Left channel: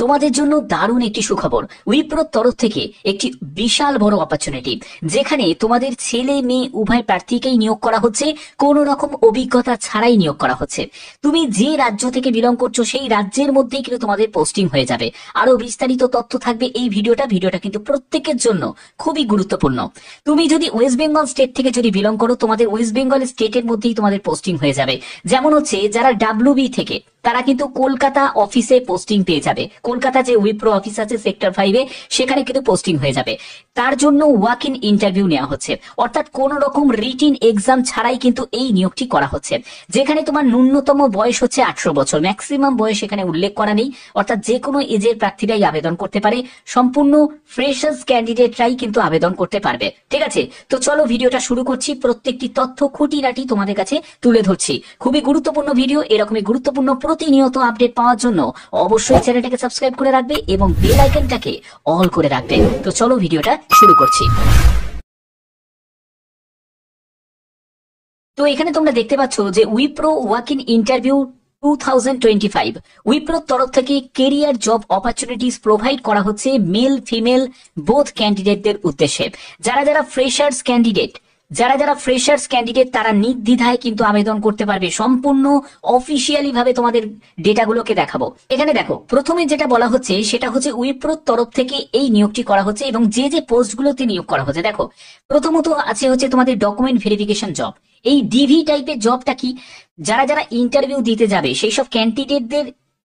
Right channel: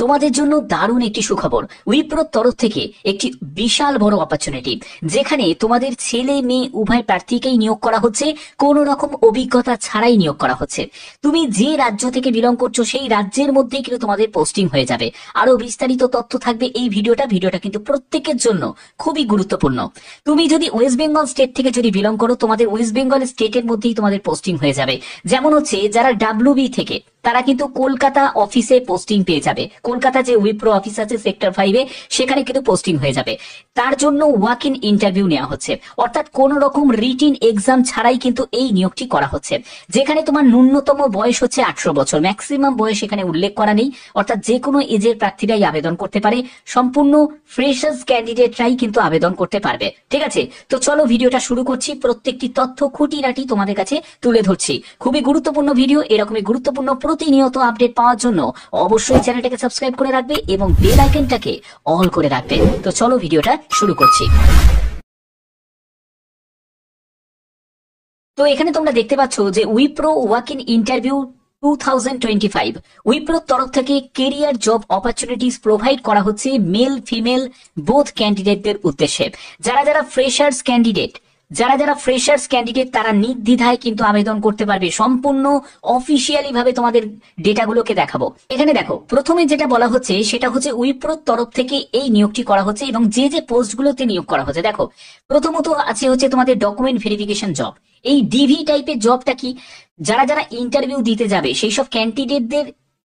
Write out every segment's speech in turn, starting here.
তোমাদের জন্য দারুণ একটি সুখবর। উইপ্রোর তরফ থেকে একটি বিশাল বড় অপরচুনিটি, যেখানে তোমাদের ছেলে মেয়ে উভয় প্রার্থীকেই নিয়োগ করা হচ্ছে, কোনো রকম অভিজ্ঞতা ছাড়াই নিয়োগ করা হচ্ছে। তুমি যে রাজ্য থেকে বিলং করছো সেই রাজ্যের মধ্যেই কিন্তু তোমাদের পোস্টিং হয়ে যাবে। আরো বিস্তারিত তথ্য থাকবে এই ভিডিওটা কিন্তু প্রত্যেকের জন্য খুবই গুরুত্বপূর্ণ। তুমি যদি ওয়েস্ট বেঙ্গল স্টেট থেকে যদি বিলং করো, তোমাদের ওয়েস্ট বেঙ্গল স্টেটের মধ্যেই তোমাদের পোস্টিং হয়ে যাবে। যেমন হচ্ছে যারা ডাব্লিউবি থেকে, তারা কিন্তু কলকাতা অফিসে পোস্টিং পেয়ে যাবে। কলকাতা যে উইপ্রো অফিস আছে সেক্টর 5-এ, সেখানে কিন্তু পোস্টিং হয়ে যাবে। তার জন্য ওয়াক ইন ইন্টারভিউ নেওয়া হচ্ছে, অর্থাৎ কোন রকম রিটিন এক্সাম ছাড়াই কিন্তু এই নিয়োগটি করা হচ্ছে। যেখানে তোমার ন্যূনতম বয়স হচ্ছে 18 বছর, ম্যাক্সিমাম বয়স এখানে উল্লেখ করা নেই, অর্থাৎ যে কোনো এজের প্রার্থীরাই আবেদন করতে পারে। সম্পূর্ণ ফ্রেশার্স ক্যান্ডিডেটরাই কিন্তু আবেদন করতে পারবে। ঠিক আছে, তো চলো ভিডিওটা শুরু করছি। প্রত্যেকটি তথ্য খুঁটিনাটি তোমাদের কাছে তুলে ধরছি। খুবই গুরুত্বপূর্ণ ভিডিও। এরকমই গুরুত্বপূর্ণ প্রতিনিয়ত আপডেট পাওয়ার জন্য অবশ্যই চ্যানেলটাকে সাবস্ক্রাইব করে রাখবে এবং বেল আইকনটাকে অল করে রাখবে। তো চলো ভিডিওটা শুরু করছি। তো এখানে তোমরা দেখতে পাচ্ছ যে উইপ্রো ওয়াক ইন ইন্টারভিউ 2025 উইপ্রোর তরফ থেকে কেরিয়ার জব অপরচুনিটিস প্রোভাইড করা হচ্ছে মেল ফিমেল বোথ ক্যান্ডিডেটদের উদ্দেশ্যে। যারা ফ্রেশার্স ক্যান্ডিডেট তারা নির্দ্বিধায় কিন্তু আবেদন করতে পারবে। সম্পূর্ণ অফিসিয়ালি ভাবে তোমাদের ডেটাগুলোকে দেখাবো। এখানে দেখো, প্রথমে যেটা বলা হচ্ছে সেটা হচ্ছে উইপ্রোর তরফ থেকে এই নিয়োগটি করা হচ্ছে এবং যে পোস্টগুলোতে নিয়োগ করা হচ্ছে। দেখো, প্রথমত আছে হচ্ছে তোমাদের ডকুমেন্ট ভেরিফিকেশন জব। এই ডিভি টাইপের জবটা কি, যারা ইন্টারভিউ দিতে যাবে সেই সব ক্যান্ডিডেটদের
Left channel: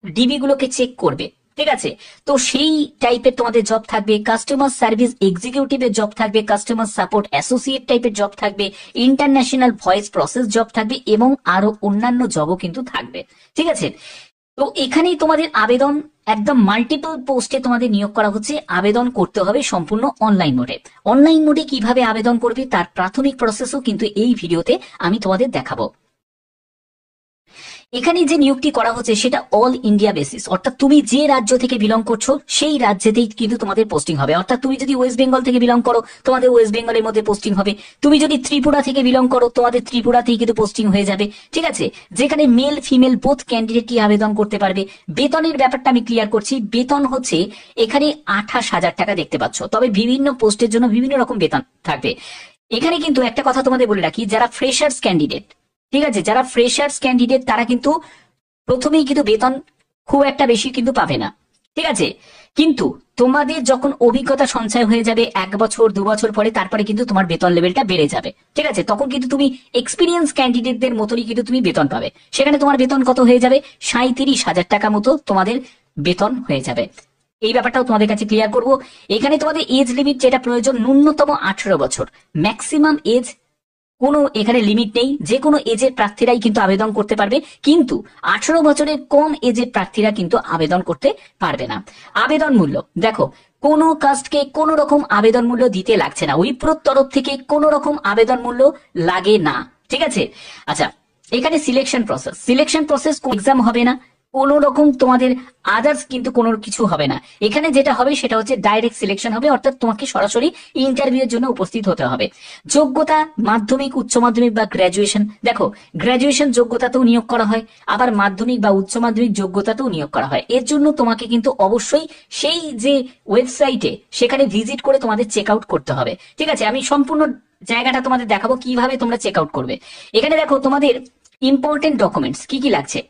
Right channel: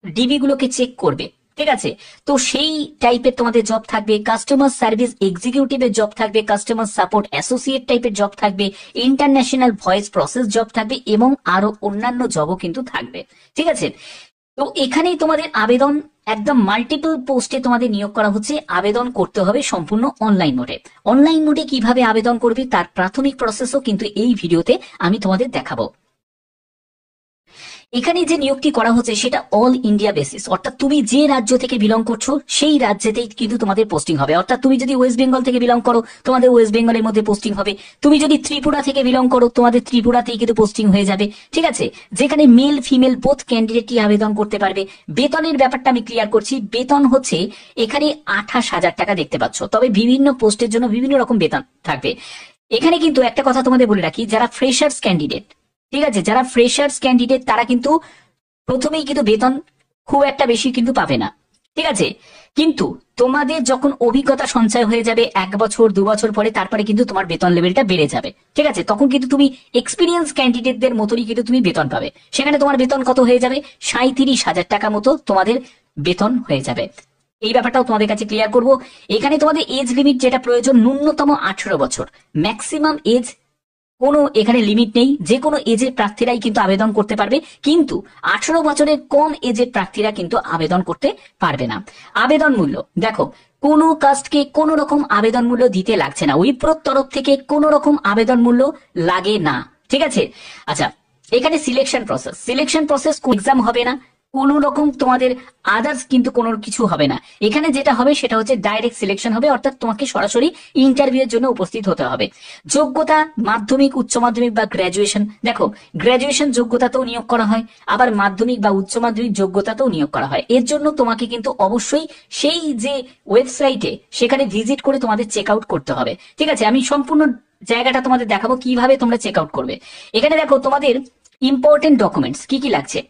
ডিবি গুলোকে চেক করবে। ঠিক আছে, তো সেই টাইপের তোমাদের জব থাকবে। কাস্টমার সার্ভিস এক্সিকিউটিভের জব থাকবে, কাস্টমার সাপোর্ট অ্যাসোসিয়েট টাইপের জব থাকবে, ইন্টারন্যাশনাল ভয়েস প্রসেস জব থাকবে এবং আরো অন্যান্য জবও কিন্তু থাকবে। ঠিক আছে, তো এখানেই তোমাদের আবেদন একদম মাল্টিপল পোস্টে তোমাদের নিয়োগ করা হচ্ছে। আবেদন করতে হবে সম্পূর্ণ অনলাইন মোডে। অনলাইন মোডে কিভাবে আবেদন করবে তার প্রাথমিক প্রসেসও কিন্তু এই ভিডিওতে আমি তোমাদের দেখাবো। এখানে যে নিয়োগটি করা হচ্ছে সেটা অল ইন্ডিয়া বেসিস, অর্থাৎ তুমি যে রাজ্য থেকে বিলং করছো সেই রাজ্যেতেই কিন্তু তোমাদের পোস্টিং হবে। অর্থাৎ তুমি যদি ওয়েস্ট বেঙ্গল থেকে বিলং করো, তোমাদের ওয়েস্ট বেঙ্গলের মধ্যে পোস্টিং হবে। তুমি যদি ত্রিপুরা থেকে বিলং করো, তোমাদের ত্রিপুরাতেই কিন্তু পোস্টিং হয়ে যাবে। ঠিক আছে, যেখানে মেল ফিমেল বোথ ক্যান্ডিডেটই আবেদন করতে পারবে। বেতনের ব্যাপারটা আমি ক্লিয়ার করছি। বেতন হচ্ছে এখানে 28,000 টাকা দেখতে পাচ্ছ, তবে বিভিন্ন পোস্টের জন্য বিভিন্ন রকম বেতন থাকবে। এখানে কিন্তু একটা কথা তোমাদের বলে রাখি, যারা ফ্রেশার্স ক্যান্ডিডেট, ঠিক আছে, যারা ফ্রেশার্স ক্যান্ডিডেট তারা কিন্তু প্রথমেই কিন্তু বেতন খুব একটা বেশি কিন্তু পাবে না। ঠিক আছে, কিন্তু তোমাদের যখন অভিজ্ঞতা সঞ্চয় হয়ে যাবে 1 বছর 2 বছর পরে, তারপরে কিন্তু তোমার বেতন লেভেলটা বেড়ে যাবে। ঠিক আছে, তখন কিন্তু তুমি এক্সপিরিয়েন্স ক্যান্ডিডেটদের মতনই কিন্তু তুমি বেতন পাবে। সেখানে তোমার বেতন কত হয়ে যাবে, 37,000 টাকা মতো তোমাদের বেতন হয়ে যাবে। এই ব্যাপারটাও তোমাদের কাছে ক্লিয়ার করব। এখানে তোমাদের এজ লিমিট যেটা প্রয়োজন, ন্যূনতম 18 বছর, ম্যাক্সিমাম এজ কোনো এখানে লিমিট নেই। যে কোনো এজের প্রার্থীরাই কিন্তু আবেদন করতে পারবে, কিন্তু 18 বছরের কম এজের প্রার্থীরা কিন্তু আবেদন করতে পারবে না। আবেদন মূল্য দেখো, কোনো কাস্টকে কোনো রকম আবেদন মূল্য দিতে লাগছে না। উইপ্রোর তরফ থেকে কোনো রকম আবেদন মূল্য লাগে না। ঠিক আছে, আচ্ছা, এখানে সিলেকশন প্রসেস কোন এক্সাম হবে না, কোনো রকম তোমাদের আদার্স কিন্তু কোনো কিছু হবে না। এখানে যেটা হবে সেটা হচ্ছে ডাইরেক্ট সিলেকশন হবে, অর্থাৎ তোমাকে সরাসরি ইন্টারভিউ এর জন্য উপস্থিত হতে হবে। যোগ্যতা মাধ্যমিক, উচ্চ মাধ্যমিক বা গ্র্যাজুয়েশন। দেখো, গ্র্যাজুয়েশন যোগ্যতাতেও নিয়োগ করা হয়, আবার মাধ্যমিক বা উচ্চ মাধ্যমিক যোগ্যতাতেও নিয়োগ করা হয়। এর জন্য তোমাকে কিন্তু অবশ্যই সেই যে ওয়েবসাইটে সেখানে ভিজিট করে তোমাদের চেক আউট করতে হবে। ঠিক আছে, আমি সম্পূর্ণ জায়গাটা তোমাদের দেখাবো কিভাবে তোমরা চেক আউট করবে। এখানে দেখো, তোমাদের ইম্পর্টেন্ট ডকুমেন্টস কি কি লাগছে।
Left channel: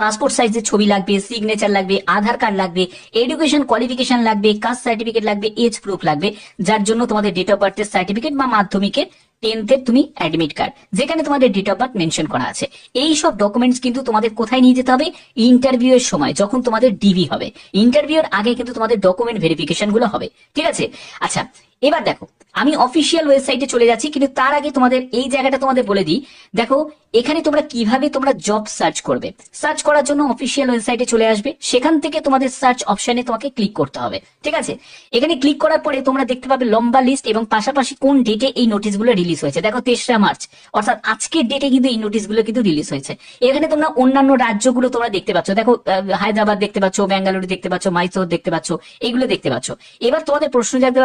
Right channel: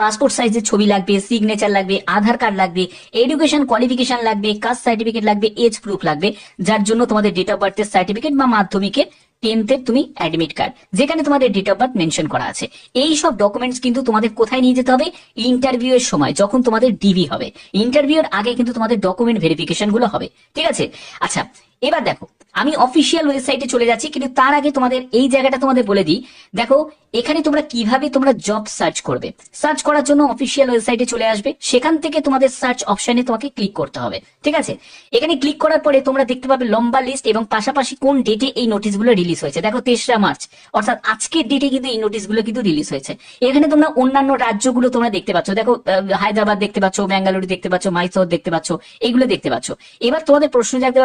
পাসপোর্ট সাইজের ছবি লাগবে, সিগনেচার লাগবে, আধার কার্ড লাগবে, এডুকেশন কোয়ালিফিকেশন লাগবে, কাস্ট সার্টিফিকেট লাগবে, এজ প্রুফ লাগবে, যার জন্য তোমাদের ডেট অফ বার্থের সার্টিফিকেট বা মাধ্যমিকের 10th তুমি অ্যাডমিট কার্ড, যেখানে তোমাদের ডেট অফ বার্থ মেনশন করা আছে। এই সব ডকুমেন্টস কিন্তু তোমাদের কোথায় নিয়ে যেতে হবে, ইন্টারভিউ এর সময় যখন তোমাদের ডিভি হবে। ইন্টারভিউ এর আগে কিন্তু তোমাদের ডকুমেন্ট ভেরিফিকেশন গুলো হবে। ঠিক আছে, আচ্ছা, এবার দেখো, আমি অফিসিয়াল ওয়েবসাইটে চলে যাচ্ছি, কিন্তু তার আগে তোমাদের এই জায়গাটা তোমাদের বলে দিই। দেখো, এখানে তোমরা কিভাবে তোমরা জব সার্চ করবে। সার্চ করার জন্য অফিসিয়াল ওয়েবসাইটে চলে আসবে, সেখান থেকে তোমাদের সার্চ অপশনে তোমাকে ক্লিক করতে হবে। ঠিক আছে, এখানে ক্লিক করার পরে তোমরা দেখতে পাবে লম্বা লিস্ট এবং পাশাপাশি কোন ডেটে এই নোটিশগুলো রিলিজ হয়েছে। দেখো, 3রা মার্চ, অর্থাৎ আজকের ডেটে কিন্তু এই নোটিশগুলো কিন্তু রিলিজ হয়েছে। এখানে তোমরা অন্যান্য রাজ্যগুলো তোমরা দেখতে পাচ্ছ। দেখো, হায়দ্রাবাদ দেখতে পাচ্ছ, বেঙ্গালুরু দেখতে পাচ্ছ, মাইসোর দেখতে পাচ্ছ, এগুলো দেখতে পাচ্ছ। এবার তোমাদের প্রশ্ন জাগতে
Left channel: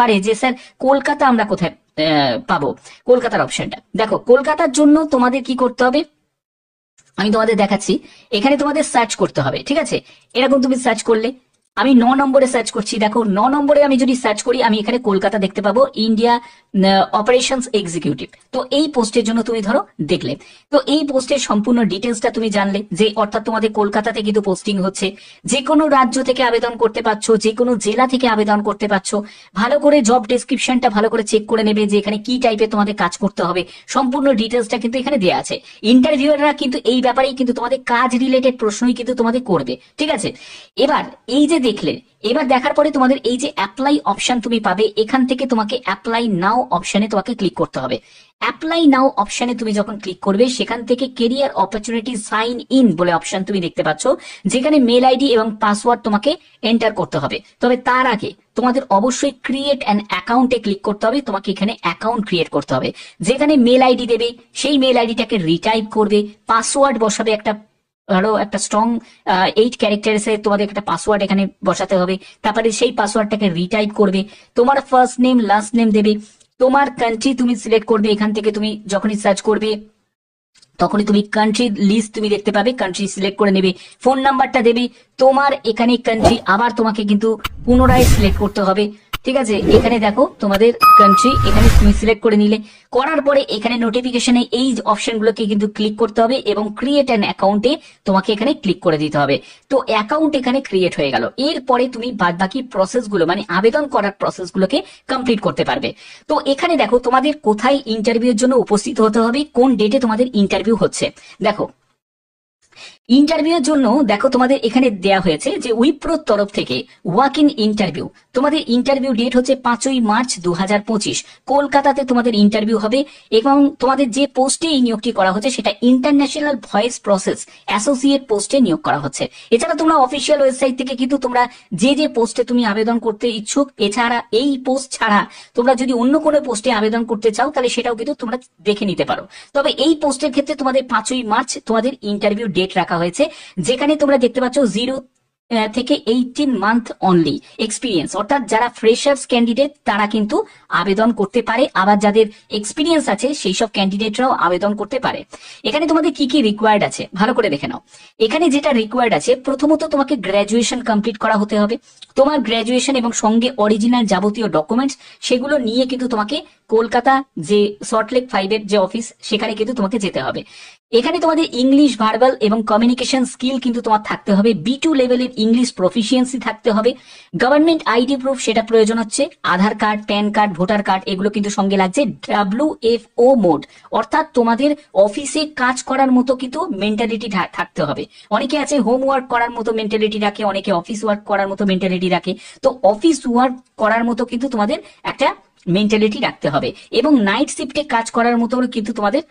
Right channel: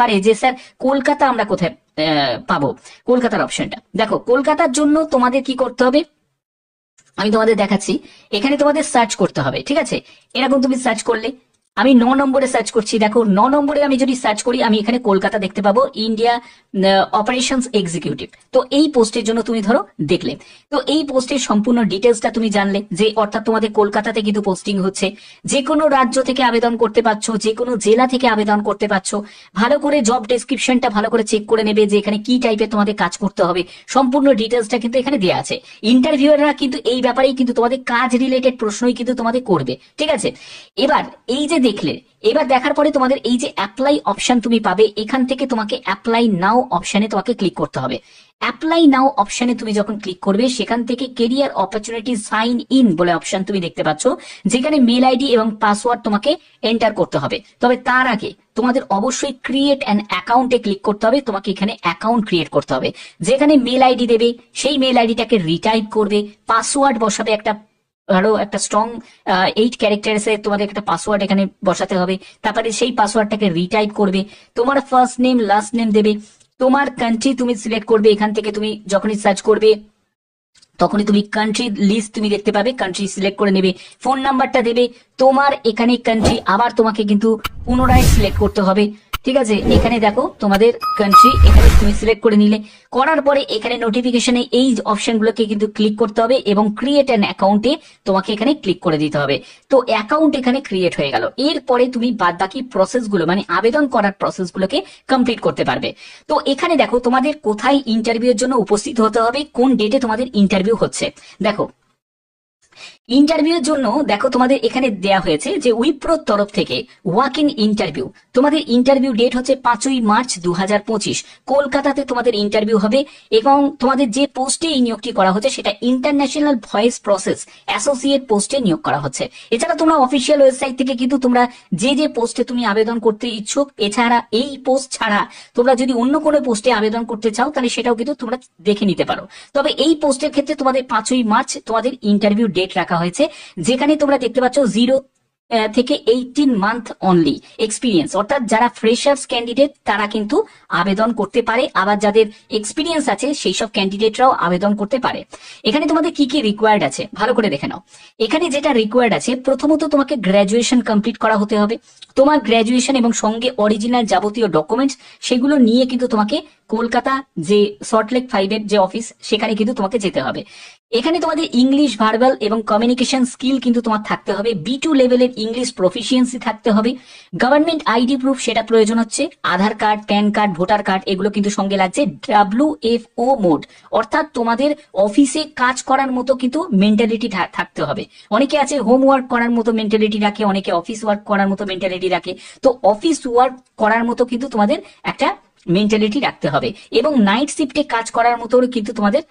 পারে যে স্যার কলকাতা আমরা কোথায় পাবো। কলকাতার অপশনটা দেখো, কলকাতার জন্য তোমাদের কি করতে হবে, আমি তোমাদের দেখাচ্ছি, এখানে তোমাদের সার্চ করতে হবে, ঠিক আছে? এরকম তুমি সার্চ করলে, আমি 9 নম্বরে সার্চ করছি, দেখো 9 নম্বরে আমি যদি সার্চ করি আমি এখানে কলকাতা দেখতে পাবো, ইন্ডিয়া অপারেশনস এক্সিকিউটিভ। তো এই পোস্টের জন্য তুমি ধরো দেখলে, তো এই পোস্টের সম্পূর্ণ ডিটেলসটা তুমি জানলে, যে অর্থাৎ তোমাদের কলকাতাতে কিন্তু পোস্টিং হচ্ছে, যে কোনো রাজ্য থেকে আবেদন করতে পারছো, যে কোনো জেলা থেকে আবেদন করতে পারছো। ভালো করে জব ডেসক্রিপশনটা ভালো করে চেক করে নেবে যে এখানে কি টাইপের তোমাদের কাজ করতে হবে, সম্পূর্ণ ডিটেলসটা কিন্তু এখানে দেওয়া আছে। ইন্টারভিউয়াররা কিন্তু এই ব্যাপারেই কিন্তু তোমাদের কাজ রিলেটেড প্রশ্নই কিন্তু তোমাদের করবে, ঠিক আছে? এবার এই যে দেখলে, এবার দেখার পরে তোমাদের এই যে অ্যাপ্লাই অপশন তুমি পাবে, এখান থেকে তোমাকে অ্যাপ্লাই নাও অপশনে তোমাকে ক্লিক করতে হবে। অ্যাপ্লাই নাও অপশনে তুমি যখন ক্লিক করবে, সেখান থেকে কেরিয়ার অপরচুনিটি সাইন ইন বলে অপশন তুমি দেখতে পাচ্ছ, যেখানে মেল আইডি এবং পাসওয়ার্ড তোমাকে এন্টার করতে হবে। তবে তার আগে তোমাদের অবশ্যই ক্রিয়েট অ্যান অ্যাকাউন্টে ক্লিক করতে হবে। তোমাকে এখানে অ্যাকাউন্ট ক্রিয়েট করতে হবে, যেখানে মেল আইডি দেবে, সেই মেল আইডিটাকে রিটাইপ করবে, পাসওয়ার্ড বসাবে, একটা ধরো একটা স্ট্রং 8 ক্যারেক্টার্স এর তোমাদের একটা পাসওয়ার্ড এখানে বসাতে হবে। তারপরে সেই পাসওয়ার্ডটাকে রিটাইপ করবে, তোমার ফার্স্ট নেম লাস্ট নেম দেবে, তোমার কান্ট্রি তুমি সিলেক্ট করবে। এখান থেকে তুমি যখনই সার্চ করবে তখনই তুমি কান্ট্রি লিস্ট তুমি দেখতে পাবে, কান্ট্রি সিলেক্ট করে নেবে, ফোন নাম্বারটা দেবে, তোমার এখানে কান্ট্রি আবার তোমাকে কিন্তু পুনরায় সিলেক্ট করতে হবে, ঠিক আছে? এখানে দেখো তোমাদের কান্ট্রি এখানে তুমি সিলেক্ট করে নিলে, করার পরে এখানে নোটিফিকেশনে এই অপশনগুলোকে কিন্তু ক্লিক করতে হবে এবং ক্রিয়েট অ্যান অ্যাকাউন্টে তোমাকে এখানে ক্লিক করে দিতে হবে। তো অ্যাকাউন্ট এখানে ক্রিয়েট হয়ে গেল, এরপরে তুমি বাদ বাকি প্রসেসগুলো মানে আবেদন করার প্রসেসগুলোকে কমপ্লিট করতে পারবে। তো এখানে দেখো তোমাদের কোথায় ইন্টারভিউর জন্য উপস্থিত হতে হবে, কোন ডেটে তোমাদের ইন্টারভিউ হচ্ছে। দেখো ইন্টারভিউর জন্য দেখো তোমাদের এখানে দেয়া হয়েছে যে উইপ্রোর তরফ থেকে ওয়াক ইন ইন্টারভিউ, তোমাদের ইন্টারভিউ ডেট হচ্ছে 5ই মার্চ 2025, কলকাতাতে তোমাদের ইন্টারভিউ হবে। এবং তোমাদের যে পোস্টে এই নিয়োগটি করা হচ্ছে সেটা ইন্টারন্যাশনাল ভয়েস প্রসেস অ্যাসোসিয়েট পোস্টে নিয়োগ করা হচ্ছে। এছাড়া তোমরা অফিসিয়াল ওয়েবসাইট থেকে কিন্তু তোমরা যে যে পোস্টে তুমি আবেদন করতে ইচ্ছুক, এছাড়া এই পোস্ট ছাড়া তোমরা যদি অন্য কোনো পোস্টে আবেদন করতে চাও তাহলে সেটাও কিন্তু তোমরা দেখে নিতে পারো। তবে এই পোস্টের ক্ষেত্রে তোমাদের 5ই মার্চ তোমাদের ইন্টারভিউ ডেট রাখা হয়েছে, যেখানে তোমরা দেখতে পাচ্ছ 0 থেকে 18 মান্থ অনলি এক্সপিরিয়েন্স, অর্থাৎ যারা ফ্রেশার্স ক্যান্ডিডেট তারা কিন্তু আবেদন করতে পারে, আবার যাদের এক্সপিরিয়েন্স আছে সেই সব ক্যান্ডিডেটরাও আবেদন করতে পারে। এখানে তোমাদের কি কি রিকোয়ার্ড আছে ভালো করে দেখে নাও। এখানে যেটা রিকোয়ার্ড আছে, প্রথমত তোমাকে গ্র্যাজুয়েশন কমপ্লিট করা হতে হবে, তোমার গ্র্যাজুয়েশন এবং সঙ্গে অরিজিনাল যাবতীয় ডকুমেন্টস সেগুলো নিয়ে কিন্তু তোমাকে কলকাতা যে সল্টলেক 5-এর যে অফিস সেখানে কিন্তু তোমাকে যেতে হবে। এখানে তোমাদের ইংলিশ ভার্বাল এবং কমিউনিকেশন স্কিল কিন্তু তোমার থাকতে হবে, B2 লেভেলের ইংলিশ প্রফিসিয়েন্সি থাকতে হবে, গভর্নমেন্ট আইডি প্রুফ সেটা প্রয়োজন হচ্ছে, Aadhaar card, PAN card, voter card এগুলো কিন্তু সঙ্গে লাগছে, WFO মোড অর্থাৎ তোমাদের অফিসে কাজ করার মতো কিন্তু মেন্টালিটি থাকতে হবে। অনেকে আছে হোমওয়ার্ক করার মতো মেন্টালিটি রাখে, অনেকে অফিস ওয়ার্ক করার মতো মেন্টালিটি রাখে। তো অফিস ওয়ার্ক করার মতো কিন্তু তোমাদের একটা মেন্টালিটি রাখতে হবে, এবং নাইট শিফটে কাজ করার মতো কিন্তু তোমাদের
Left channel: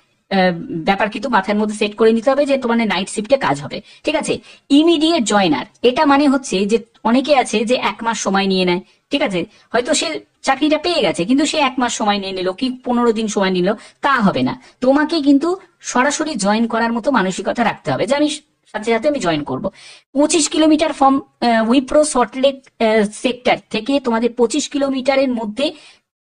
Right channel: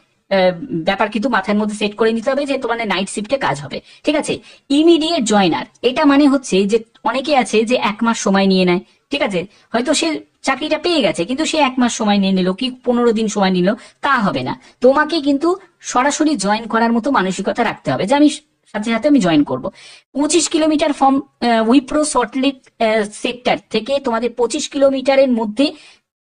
ব্যাপার কিন্তু মাথার মধ্যে সেট করে নিতে হবে যে তোমার নাইট শিফটে কাজ হবে, ঠিক আছে? ইমিডিয়েট জয়নার, এটা মানে হচ্ছে যে অনেকে আছে যে 1 মাস সময় নিয়ে নেয়, ঠিক আছে? হয়তো সে চাকরিটা পেয়ে গেছে কিন্তু সে 1 মাস সময় নিয়ে নিল কি 15 দিন সময় নিল, তা হবে না। তোমাকে কিন্তু সরাসরি জয়েন করার মতো মানসিকতা রাখতে হবে যে আমি সাথে সাথে আমি জয়েন করব। 25 kilometre from Wipro Salt Lake sector থেকে তোমাদের 25 কিলোমিটারের মধ্যে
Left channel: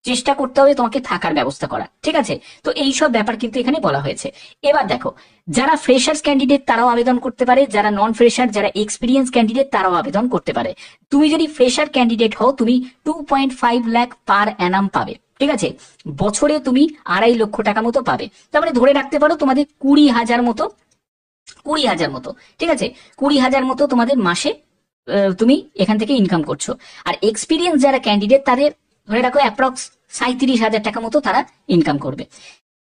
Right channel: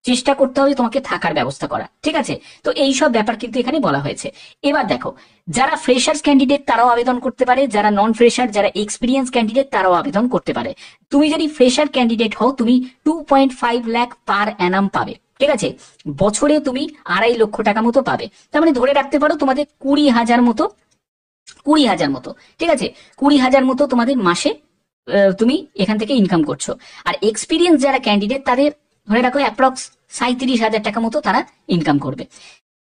চেষ্টা করতে হবে তোমাকে থাকার ব্যবস্থা করা, ঠিক আছে? তো এই সব ব্যাপার কিন্তু এখানে বলা হয়েছে। এবার দেখো যারা ফ্রেশার্স ক্যান্ডিডেট তারাও আবেদন করতে পারে, যারা নন ফ্রেশার যারা এক্সপিরিয়েন্স ক্যান্ডিডেট তারাও আবেদন করতে পারে। তুমি যদি ফ্রেশার ক্যান্ডিডেট হও তুমি 2.5 লাখ পার অ্যানাম পাবে, ঠিক আছে? বছরে তুমি 2.5 লক্ষ টাকা মতো পাবে। তার মানে ধরে রাখতে পারো তোমাদের 20,000 মতো, ঠিক আছে? 20,000 মতো তোমাদের মাসে তুমি এখান থেকে ইনকাম করছো। আর এক্সপিরিয়েন্স যারা ক্যান্ডিডেট তাদের ধরে রাখো অ্যাপ্রক্স 37,000 টাকা মতো তারা ইনকাম করবে।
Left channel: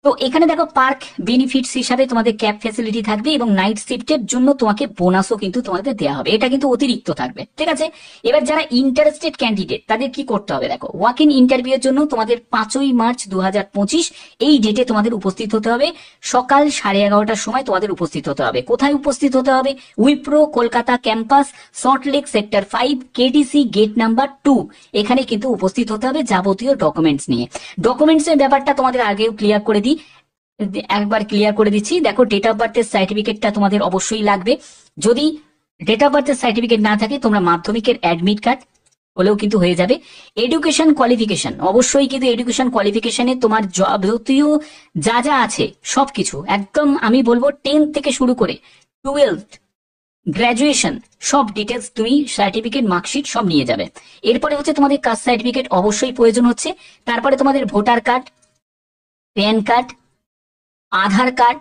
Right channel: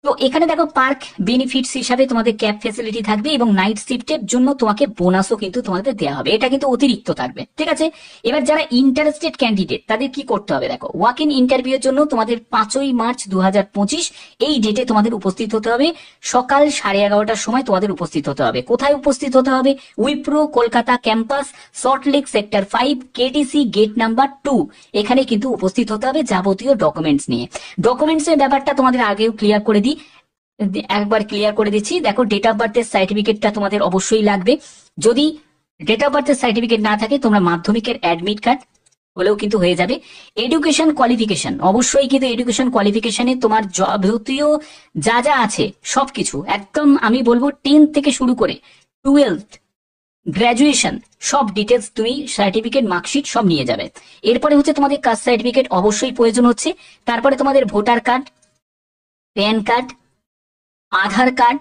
তো এখানে দেখো পার্ক বেনিফিটস হিসাবে তোমাদের ক্যাব ফ্যাসিলিটি থাকবে এবং নাইট শিফটের জন্য তোমাকে বোনাসও কিন্তু তোমাদের দেওয়া হবে, এটা কিন্তু অতিরিক্ত থাকবে, ঠিক আছে? এবার যারা ইন্টারেস্টেড ক্যান্ডিডেট তাদের কি করতে হবে দেখো, ওয়াক ইন ইন্টারভিউ এর জন্য তোমাদের 5ই মার্চ 2025 এই ডেটে তোমাদের উপস্থিত হতে হবে, সকাল 11:30টার সময় তোমাদের উপস্থিত হতে হবে। কোথায় উপস্থিত হতে হবে? Wipro Kolkata campus Salt Lake sector 5 KDC gate number 2, এখানে কিন্তু উপস্থিত হতে হবে যাবতীয় ডকুমেন্টস নিয়ে। ডকুমেন্টস এর ব্যাপারটা তোমাদের আগেও ক্লিয়ার করে একবার ক্লিয়ার করে দিচ্ছি। দেখো ডেট অফ বার্থের সার্টিফিকেটটা তোমাদের অবশ্যই লাগবে, যদি ডেট অফ বার্থের সার্টিফিকেট না থাকে তোমরা মাধ্যমিকের অ্যাডমিট কার্ড, হলেও কিন্তু হয়ে যাবে। এডুকেশন কোয়ালিফিকেশন, অবশ্যই কিন্তু এডুকেশন কোয়ালিফিকেশনে তোমার যাবতীয় যা যা আছে সবকিছু একদম আমি বলবো 10 থেকে শুরু করে 12th, গ্রাজুয়েশন, সব ডিটেলস তুমি সার্টিফিকেট, মার্কশিট সব নিয়ে যাবে। এরপরে হচ্ছে তোমাদের কাস্ট সার্টিফিকেট অবশ্যই প্রয়োজন হচ্ছে। তারপরে তোমাদের ভোটার কার্ড, প্যান কার্ড, আধার কার্ড,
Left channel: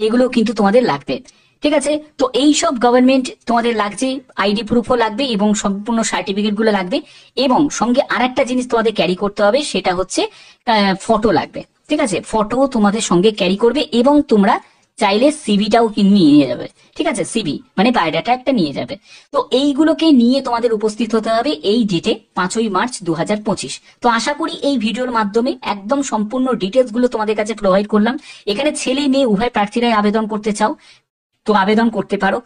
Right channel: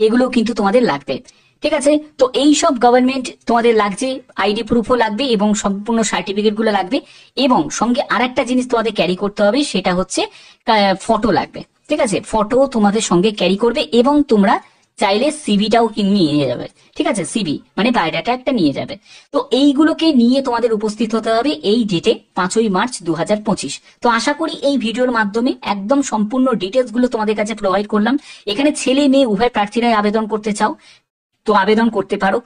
এগুলো কিন্তু তোমাদের লাগবে। ঠিক আছে, তো এই সব গভর্নমেন্ট তোমাদের লাগছে, আইডি প্রুফও লাগবে এবং সম্পূর্ণ সার্টিফিকেট গুলো লাগবে। এবং সঙ্গে আরেকটা জিনিস তোমাদের ক্যারি করতে হবে, সেটা হচ্ছে ফটো লাগবে। ঠিক আছে, ফটো তোমাদের সঙ্গে ক্যারি করবে এবং তোমরা চাইলে সিভিটাও নিয়ে যাবে। ঠিক আছে, সিভি মানে বায়োডাটা একটা নিয়ে যাবে। তো এইগুলোকে নিয়ে তোমাদের উপস্থিত হতে হবে এই ডেটে 5ই মার্চ 2025। তো আশা করি এই ভিডিওর মাধ্যমে একদম সম্পূর্ণ ডিটেলস গুলো তোমাদের কাছে প্রোভাইড করলাম। এখানে ছেলে মেয়ে উভয় প্রার্থীরাই আবেদন করতে চাও তো আবেদন করতে পারো।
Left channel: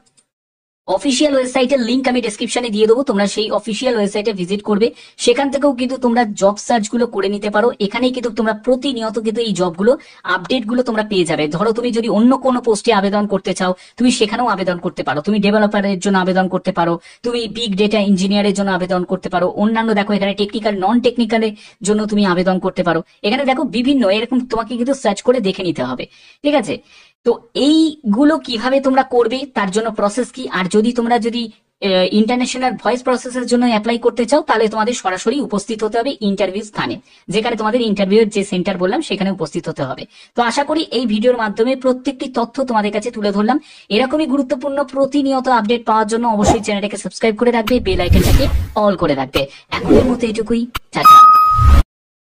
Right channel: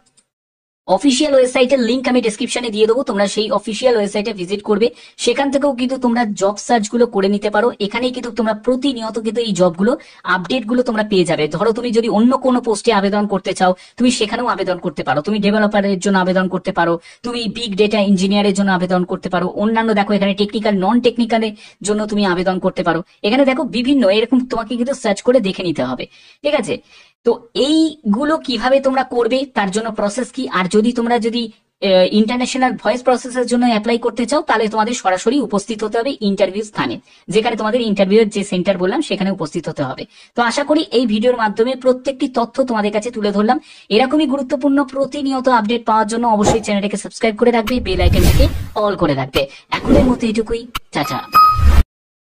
অফিসিয়াল ওয়েবসাইটের লিংক আমি ডেসক্রিপশনে দিয়ে দেবো, তোমরা সেই অফিসিয়াল ওয়েবসাইটে ভিজিট করবে। সেখান থেকেও কিন্তু তোমরা জব সার্চ গুলো করে নিতে পারো। এখানেই কিন্তু তোমরা প্রতিনিয়ত কিন্তু এই জবগুলো আপডেট গুলো তোমরা পেয়ে যাবে। ধরো তুমি যদি অন্য কোনো পোস্টে আবেদন করতে চাও, তুমি সেখানেও আবেদন করতে পারো। তুমি ডেভেলপারের জন্য আবেদন করতে পারো, তুমি বিগ ডেটা ইঞ্জিনিয়ারের জন্য আবেদন করতে পারো, অন্যান্য দেখো এখানে টেকনিক্যাল, নন টেকনিক্যালের জন্য তুমি আবেদন করতে পারো। এখানে দেখো বিভিন্ন এরকম তোমাকে কিন্তু সার্চ করে দেখে নিতে হবে। ঠিক আছে, তো এইগুলো কিভাবে তোমরা করবে, তার জন্য প্রসেস কি, আর যদি ইন্টারন্যাশনাল ভয়েস প্রসেসের জন্য অ্যাপ্লাই করতে চাও, তাহলে তোমাদের সরাসরি উপস্থিত হতে হবে ইন্টারভিউ স্থানে, যেখানে তোমাদের ইন্টারভিউর যে সেন্টার বললাম সেখানে উপস্থিত হতে হবে। তো আশা করি এই ভিডিওর মাধ্যমে প্রত্যেকটি তথ্য তোমাদের কাছে তুলে ধরলাম। এরকমই গুরুত্বপূর্ণ প্রতিনিয়ত আপডেট পাওয়ার জন্য অবশ্যই চ্যানেলটাকে সাবস্ক্রাইব করে রাখবে, বেল আইকনটাকে অল করে রাখবে। এখনের মতো এটুকুই, টাটা।